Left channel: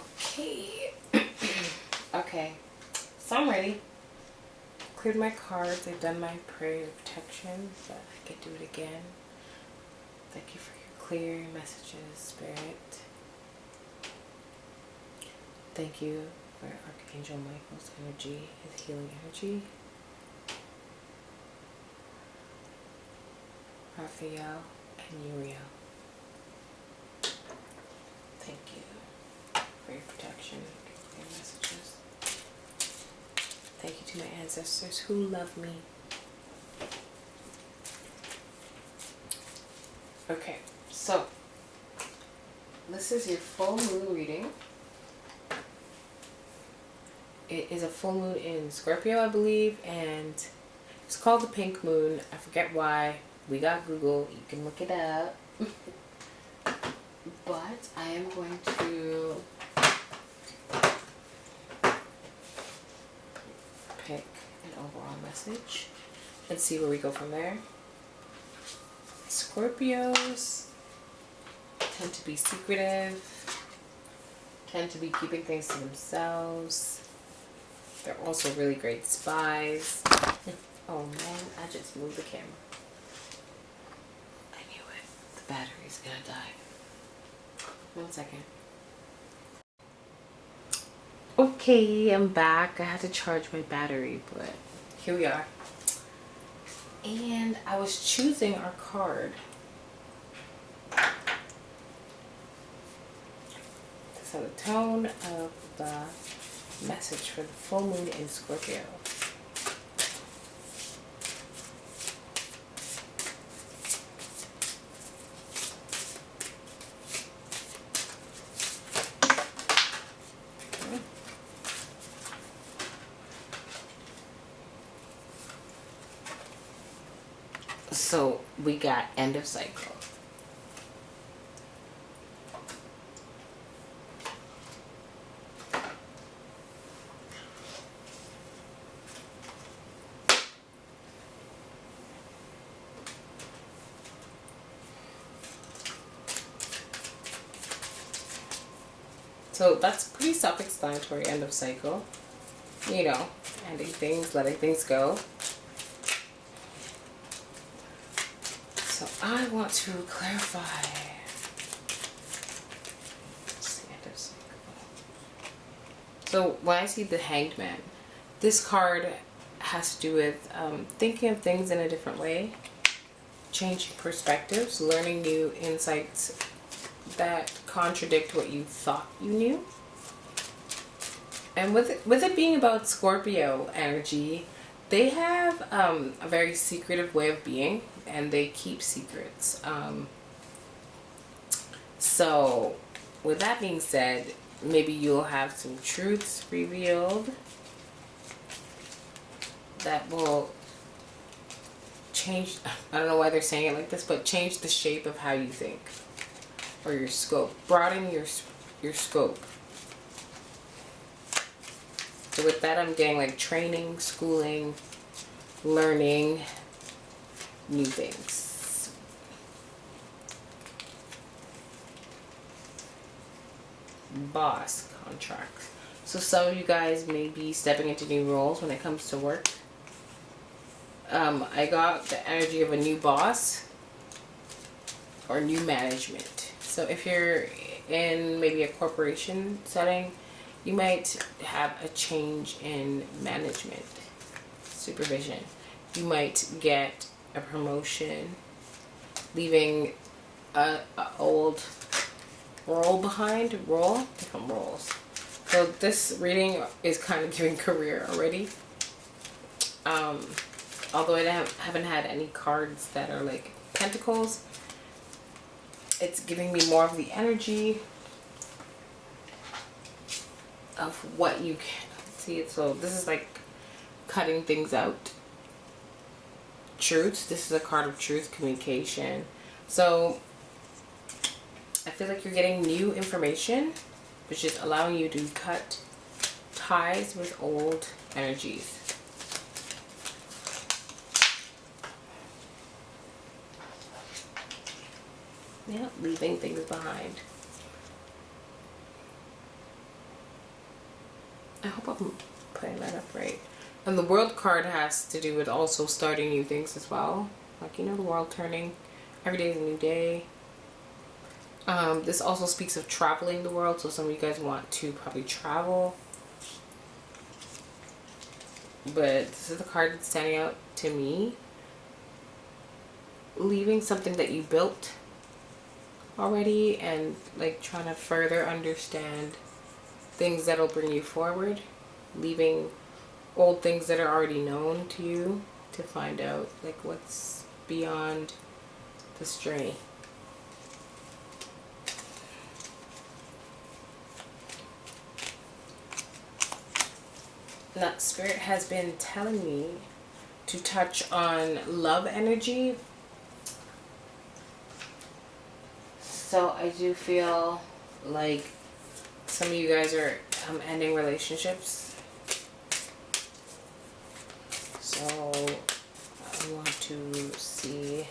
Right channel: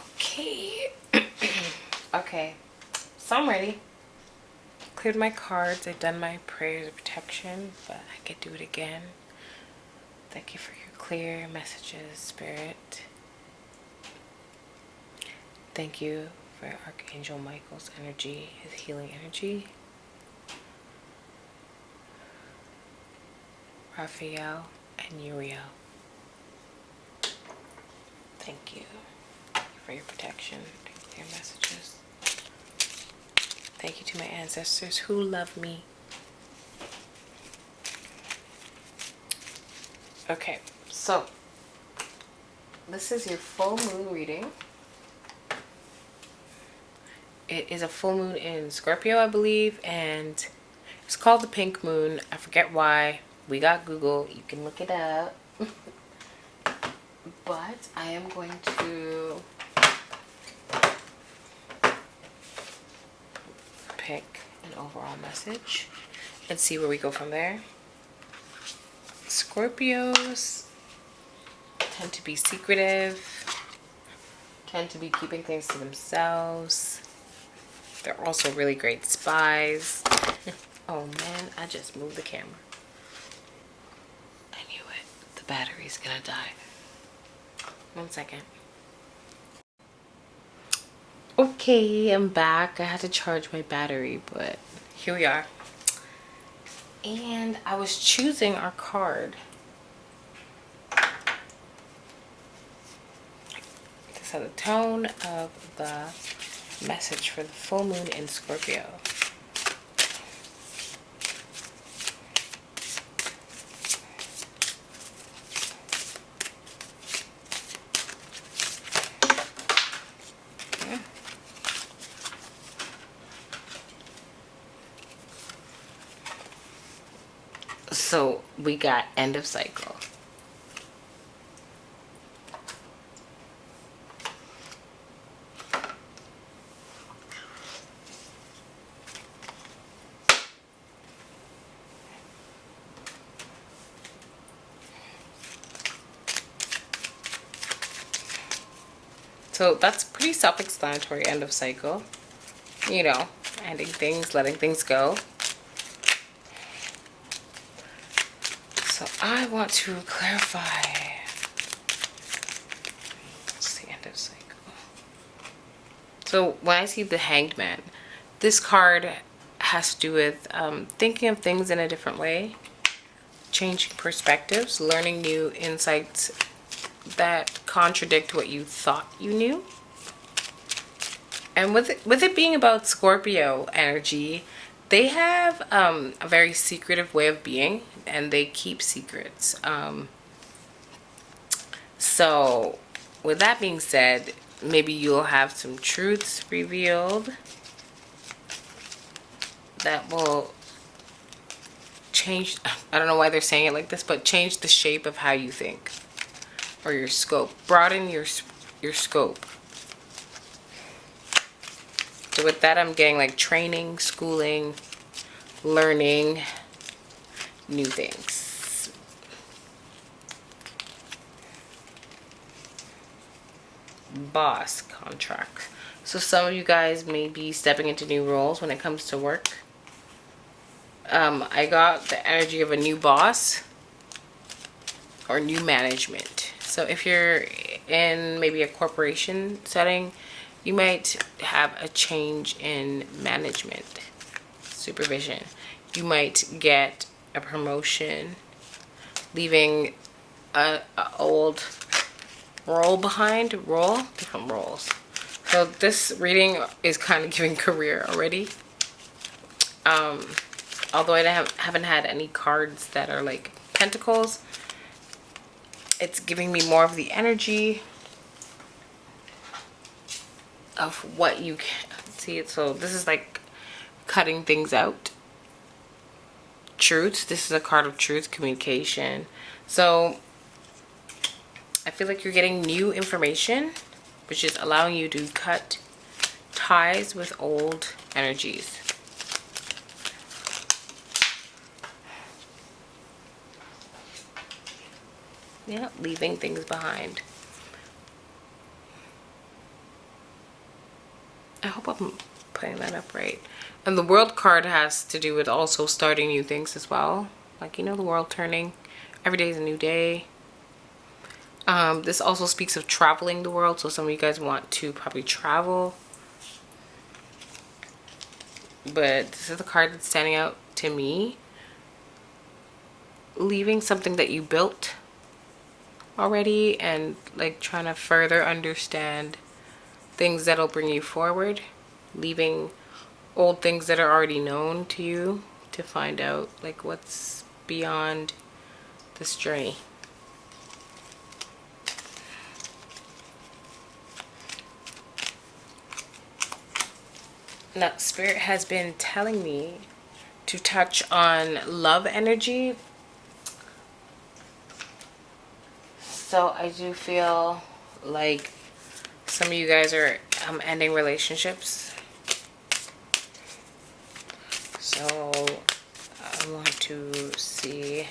Okay. Okay. So I'm ready. Cleared my cards. I've done my prayers of protection, but I could do it again. Thank you for your clear messages, Spirit. Thank you for Archangel Michael's energy, his healing energy. Raphael and Uriel. Thank you for your protection and clear messages. Thank you to my ancestors who love me. Okay, so this is your full moon reading. It is a full moon in Scorpio, I believe, and it's called the pink moon. I forget why. We got Google. You can look it up. But I am going to pick an overall message and see where we go from there. Scorpios tend to be secretive, tend to be keeping things to themselves. They're also really great spies. Oh man, I just moved the camera. I knew it. The battery's gonna die. 1 second. Okay, I'm back. I had to charge my battery, but here we are. And I was choosing our card. This is the tone of the message for the full moon in Scorpio. So we got end of cycle. So that's pretty self-explanatory, end of cycle. You know, ending things, letting things go. So I want to clarify. It's the end of cycle. So when I see the Hanged Man, this card has to do with thinking of things in a different way, changing perspectives, learning new insights that contradict what you thought you knew. And with it being about Scorpio energy, they have a very secretive way of being, and they keep secrets. So with that being said, maybe you'll have some truths revealed that will change, I don't know why they're saying it like this, but change the shape of how you think, or your scope. Broaden your scope. So with that, I'm getting like training, schooling, learning new things. Boss contract. So some of you guys may be stepping into new roles when it comes to work. I got the energy of a new boss or new management. So if you're in maybe a corporation setting, you might have a change in management, supervision. You might get a promotion, leaving a old role behind, different roles. So this reading is kind of giving career already. Although I haven't had any cards that are like pentacles, it's giving me more of the energy of what you can see it. So this is like cutting things out. Truth. This is a card of truth, communication. So I feel like you're getting new information, which is allowing you to cut ties with old energies. Yeah, leaving things behind. I hope I'm putting that up right. And the world card has to do with also starting new things as well. Like, you know, the world turning. Every day is a new day. This also speaks of traveling the world. So some of you guys want to probably travel. But this is the card that's standing out to me. Leaving something that you built already and like trying to further understand things that'll bring you forward. Leaving old things that are already known to you to find out like what's beyond this journey. Now, Spirit has been telling me to touch on love energy. So I do feel like some of you guys are ending relationships. So I want to see.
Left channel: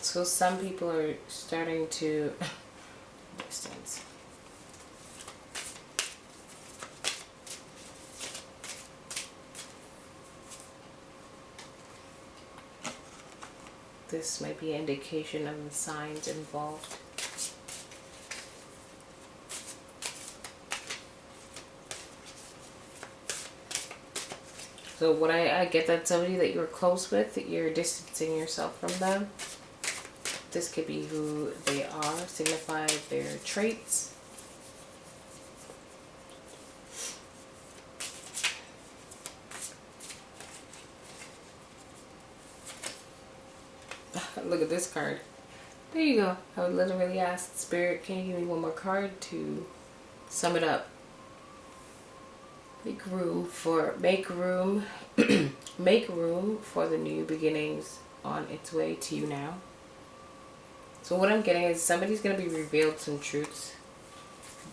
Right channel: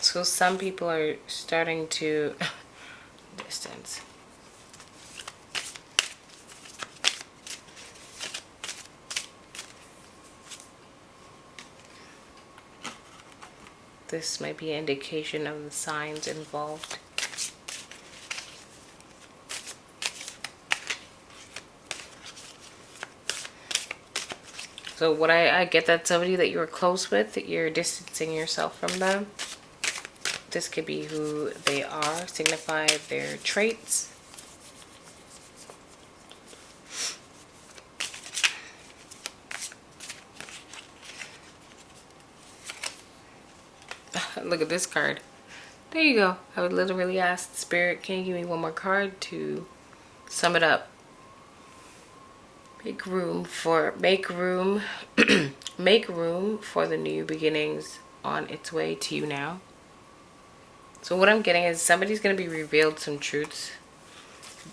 So some people are starting to distance. This might be an indication of the signs involved. So what I get that somebody that you were close with, you're distancing yourself from them. This could be who they are, signify their traits. Look at this card. There you go. I would literally ask Spirit, can you give me one more card to sum it up? Make room for make room for the new beginnings on its way to you now. So what I'm getting is somebody's going to be revealed some truths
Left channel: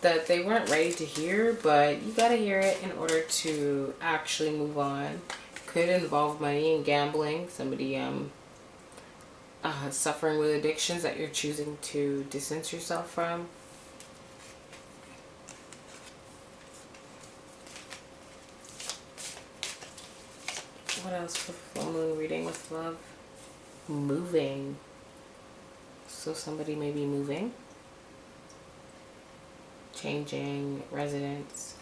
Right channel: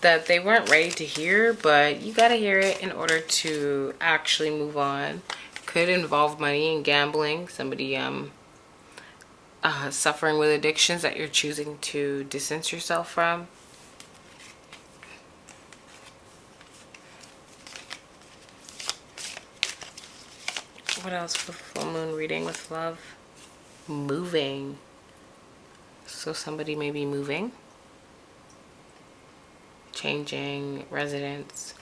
that they weren't ready to hear, but you got to hear it in order to actually move on. Could involve money and gambling. Somebody suffering with addictions that you're choosing to distance yourself from. What else for full moon reading with love? Moving. So somebody may be moving, changing residence.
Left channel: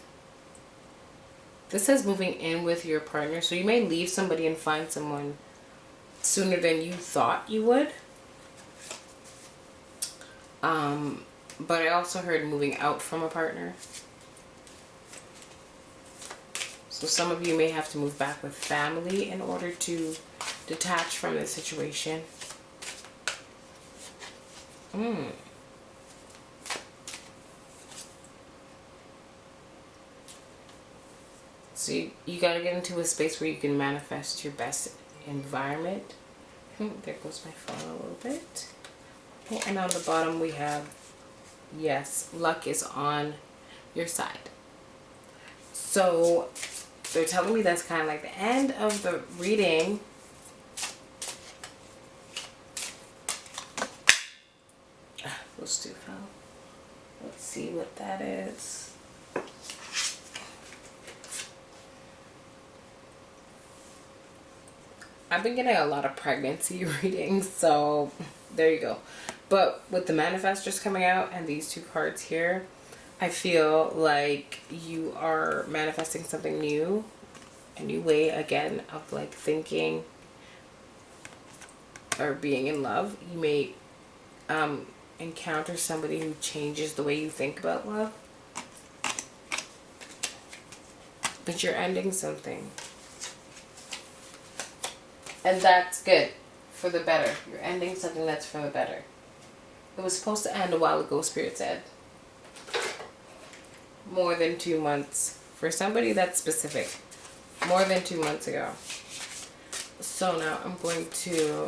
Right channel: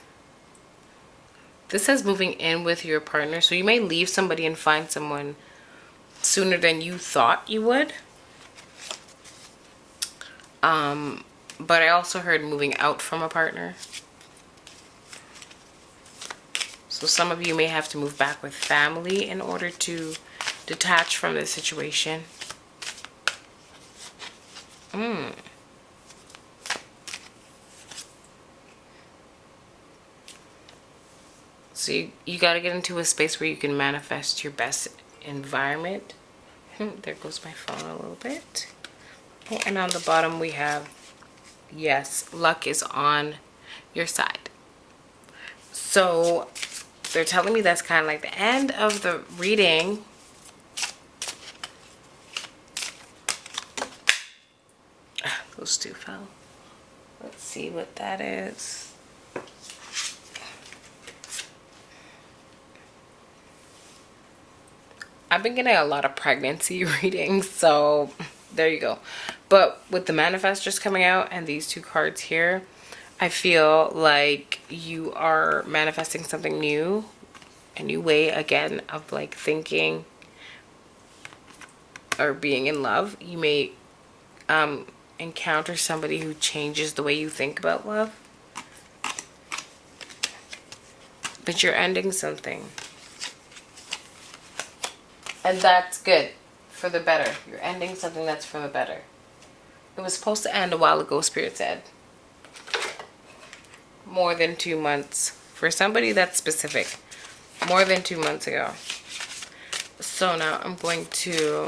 This says moving in with your partner. So you may leave somebody and find someone sooner than you thought you would. But I also heard moving out from a partner. So some of you may have to move back with family in order to detach from the situation. So you got to get into a space where you can manifest your best environment. There goes my phone a little bit. Oh, and on the bottom we have, yes, luck is on your side. So they're telling me that's kind of like the end of the reading. Those two fell. Let's see what that is. I've been getting a lot of pregnancy readings, so there you go. But with the manifestors coming out and these two cards here, I feel like you are manifesting something new, a new way again of like thinking or being in love. You may encounter somebody who changes the way you think about love, but you're ending something. And that's good, for the better. You're ending something that's for the better. It was supposed to end a while ago, Spirit said. More than 2 months. For somebody that's specific. More than 2 months ago. So now I'm going to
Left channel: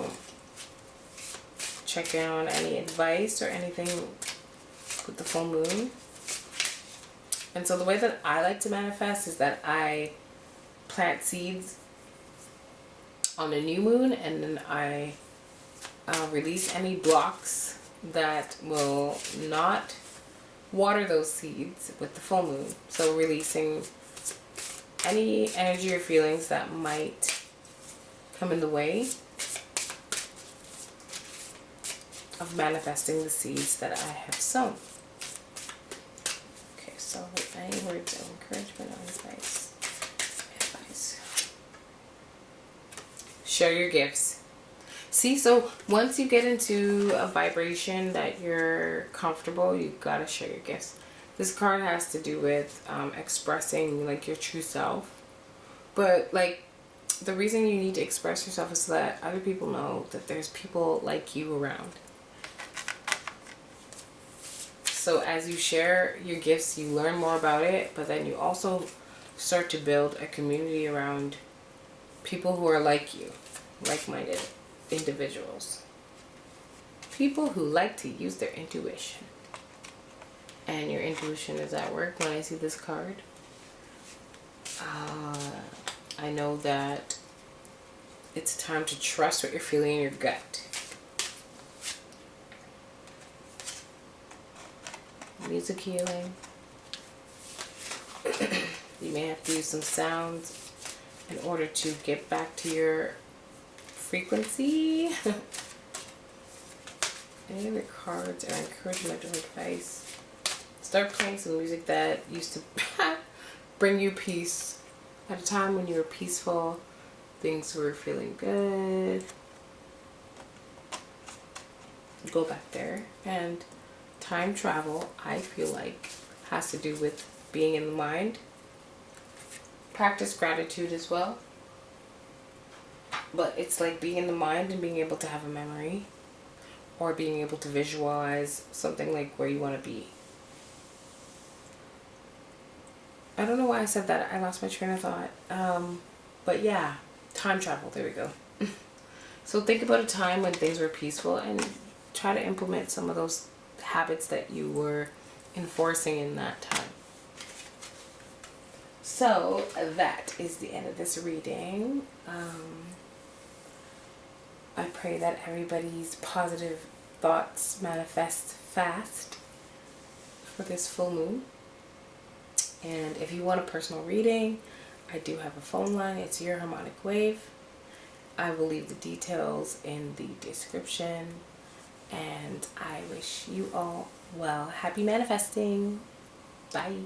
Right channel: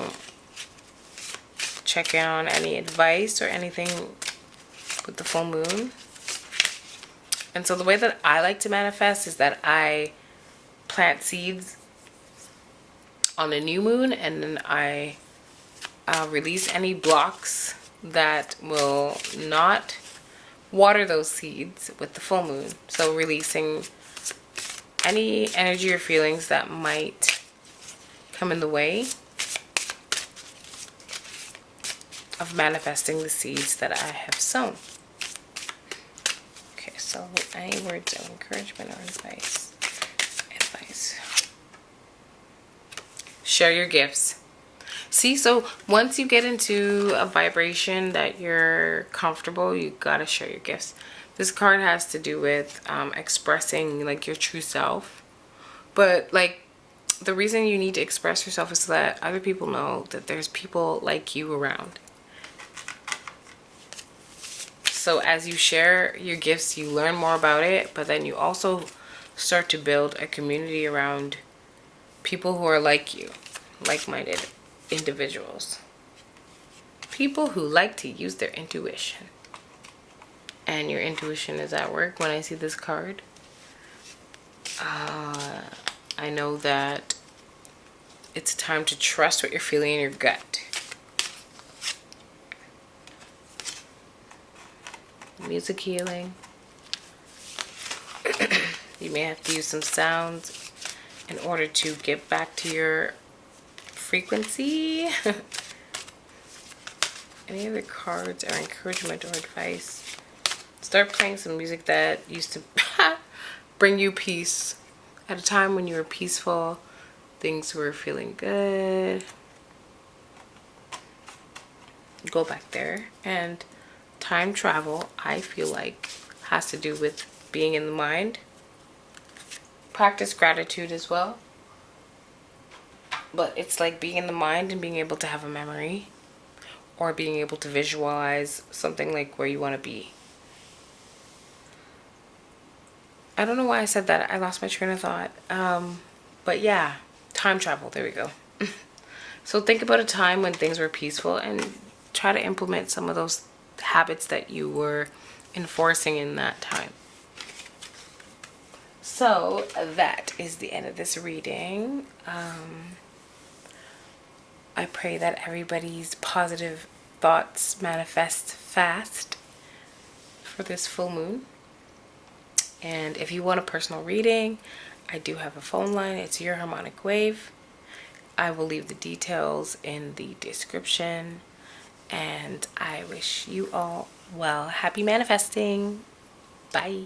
check on any advice or anything with the full moon. And so the way that I like to manifest is that I plant seeds on the new moon, and then I release any blocks that will not water those seeds with the full moon. So releasing any energy or feelings that might come in the way of manifesting the seeds that I have sown. Okay, so any words of encouragement or advice? Share your gifts. See, so once you get into a vibration that you're comfortable, you gotta share your gifts. This card has to do with expressing like your true self. But like the reason you need to express yourself is so that other people know that there's people like you around. So as you share your gifts, you learn more about it, but then you also start to build a community around people who are like you, like-minded individuals. People who like to use their intuition. And your intuition is at work when I see this card. I know that it's time to trust what you're feeling in your gut. Music healing. You may have to use some sounds in order to get back to your frequency. Any other cards or encouragement or advice? Start playing some music that used to bring you peace. At a time when you were peaceful, things were feeling good. Go back there. And time travel, I feel like, has to do with being in the mind. Practice gratitude as well. But it's like being in the mind and being able to have a memory, or being able to visualize something like where you want to be. I don't know why I said that. I lost my train of thought. But yeah, time travel. There we go. So think about a time when things were peaceful and try to implement some of those habits that you were enforcing in that time. So that is the end of this reading. I pray that everybody's positive thoughts manifest fast for this full moon. And if you want a personal reading, I do have a phone line. It's Your Harmonic Wave. I will leave the details in the description. And I wish you all well. Happy manifesting. Bye.